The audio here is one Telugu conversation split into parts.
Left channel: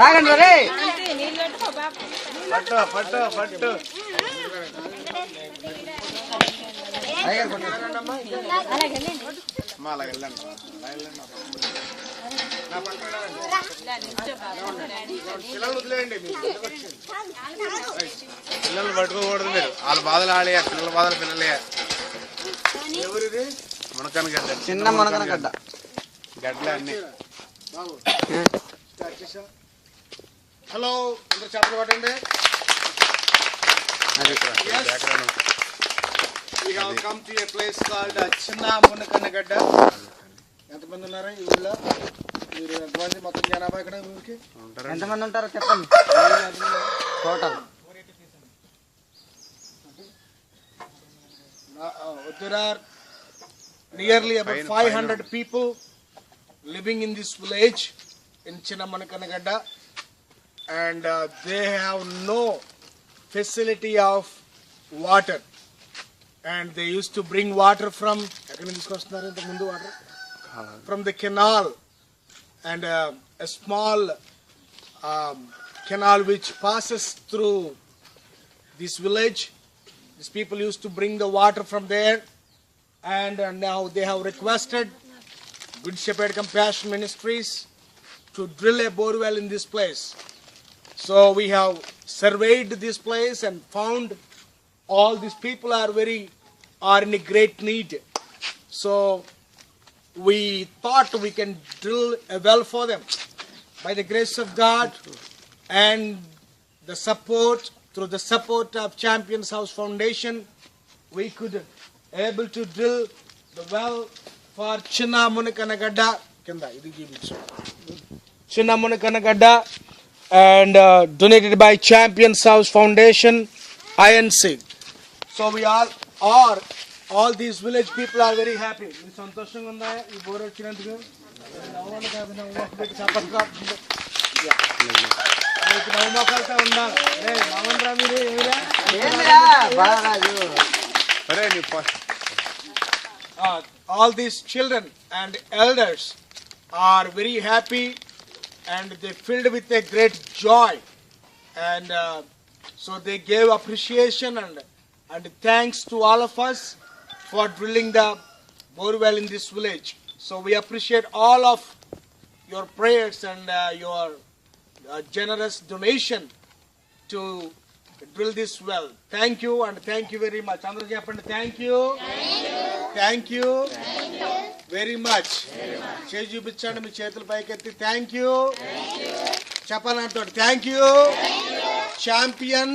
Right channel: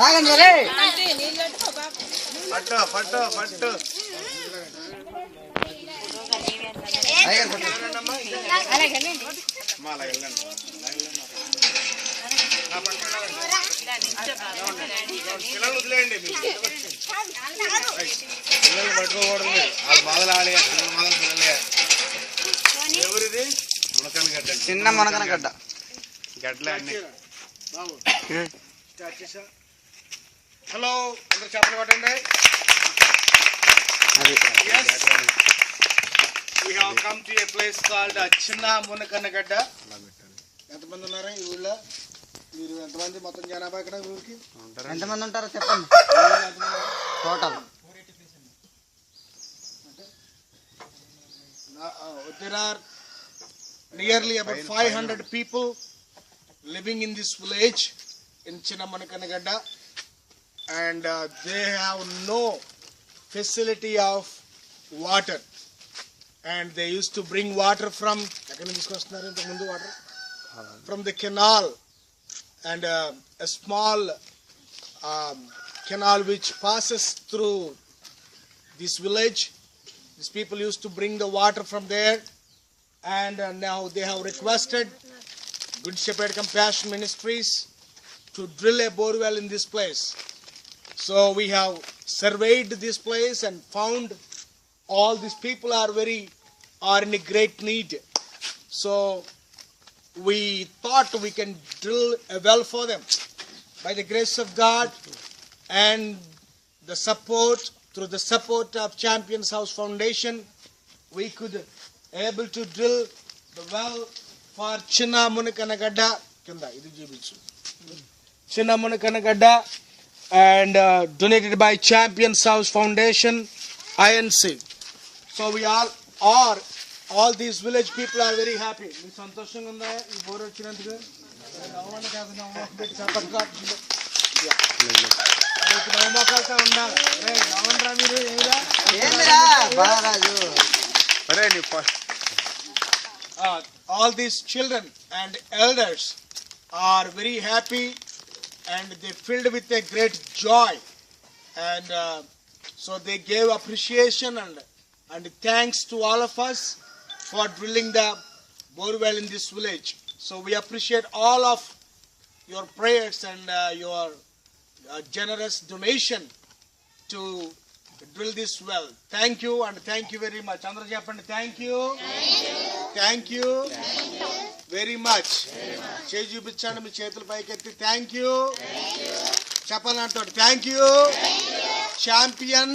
తాగండి రే. పిల్లలు పట్టుకోకూడదు మీరు. వాళ్ళ బాధలు ఆడే, పిల్లల బాధలు పిల్లలే. మునకనగడ్డ, చిన్న మునకనగడ్డ గడ్డలే అన్ని. హలో చెప్పండి. చిన్న మునకనగడ్డ. ఎంతమంది ఉన్నారు ఇంట్లో? మొత్తం జనాభా ఇక్కడ ఊరికి ఎంతమంది ఉంటారో చెప్పండి total. There are nearly about 500 people living in this village in Chinnamanakanagadda, and they have no facility of water, and they used to bring water from the canal, and a small canal which passes through this village. These people used to bring the water from there, and now they have requested Good Shepherd Compassion Ministries to drill a borewell in this place. So we have surveyed this place and found all these people are in a great need. So we thought we can drill a well for them. By the grace of God and the support, through the support of Champions House Foundation, we could able to drill the well for Chinna Munakanagada, and donated by Champions House Foundation, INC. So we all these village people are very happy. All these children and elders are very happy, and they filled with a great joy, and so they gave appreciation and thanks to all of us for drilling the borewell in this village. So we appreciate all of your prayers and your generous donation to drill this well. Thank you, and thank you very much. Andru cheppandi thank you. Thank you very much. Cheyi chupichandi మీ చేతుల పైకి ఎత్తి thank you. చెప్పాలంటే thank you. Champion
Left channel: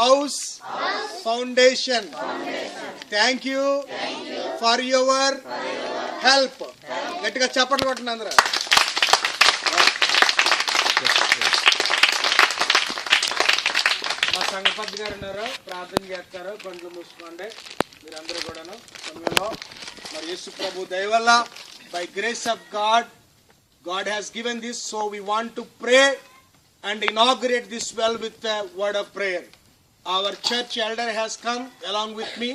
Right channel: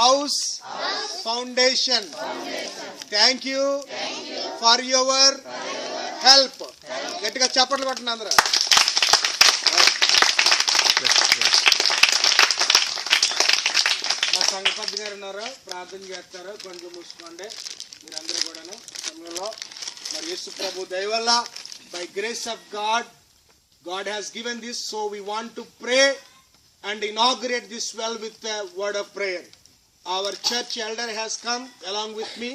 House Foundation. Thank you for your help. గట్టిగా చప్పట్లు కొట్టండి అందరూ. సంగపతి గారు ఉన్నారు, ప్రార్థన చేస్తారు. కొంచెం మూసుకోండి మీరందరూ కూడాను. మరి యేసు ప్రభు దయ వల్ల by grace of God has given this, so we want to pray and inaugurate this well with a word of prayer. Our church elder has come along with me.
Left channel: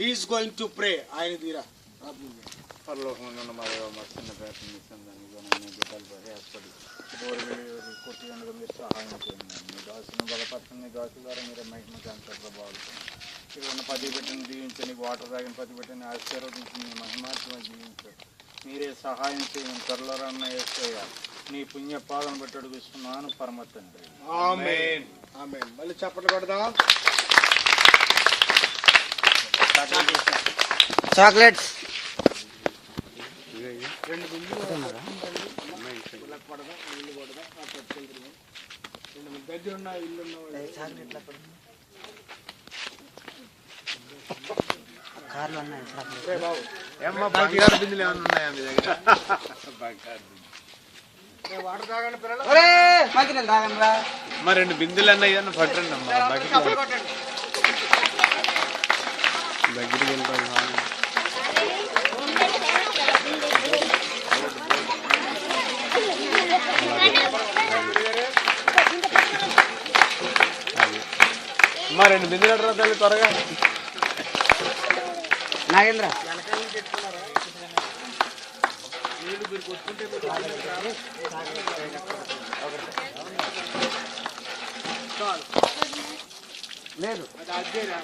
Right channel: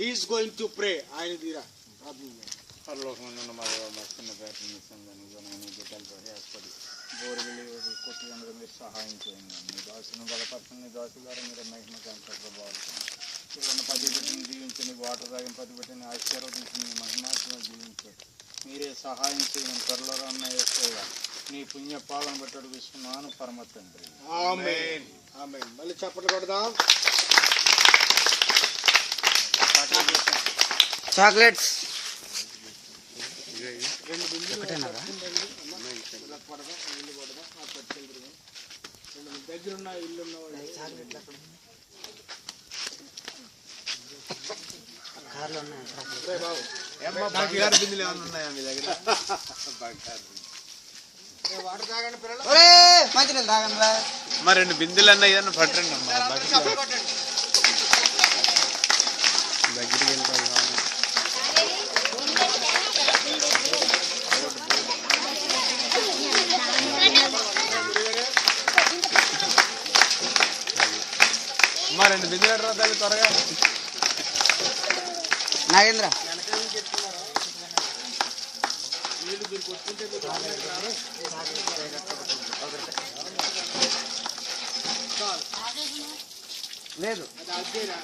He is going to pray. మీరే సహాయం చేయండి. త్వరలో రన్న యేసయ్య నీ పుణ్య పాదం పెట్టి అడుగుతున్నాను పరమ తండ్రి. ఆమేన్. ఆమేన్. మళ్ళీ చప్పట్లు కొడదాం. చాక్లెట్స్ కార్లు ఉన్నాయి. ఏమ్మా బంగారు బిందులు ఏమైనా ఉన్నాయా మీ దగ్గర? మంచినీళ్ళు తాగండి రా. మరి 2 బిందులు అన్న ఏదన్నా పట్టండి అమ్మా. దగ్గరికి వెళ్తాం. అమ్మా 2 బిందులు అడరా తల్లి త్వరగా. నాగేంద్ర ఒకటి లేదు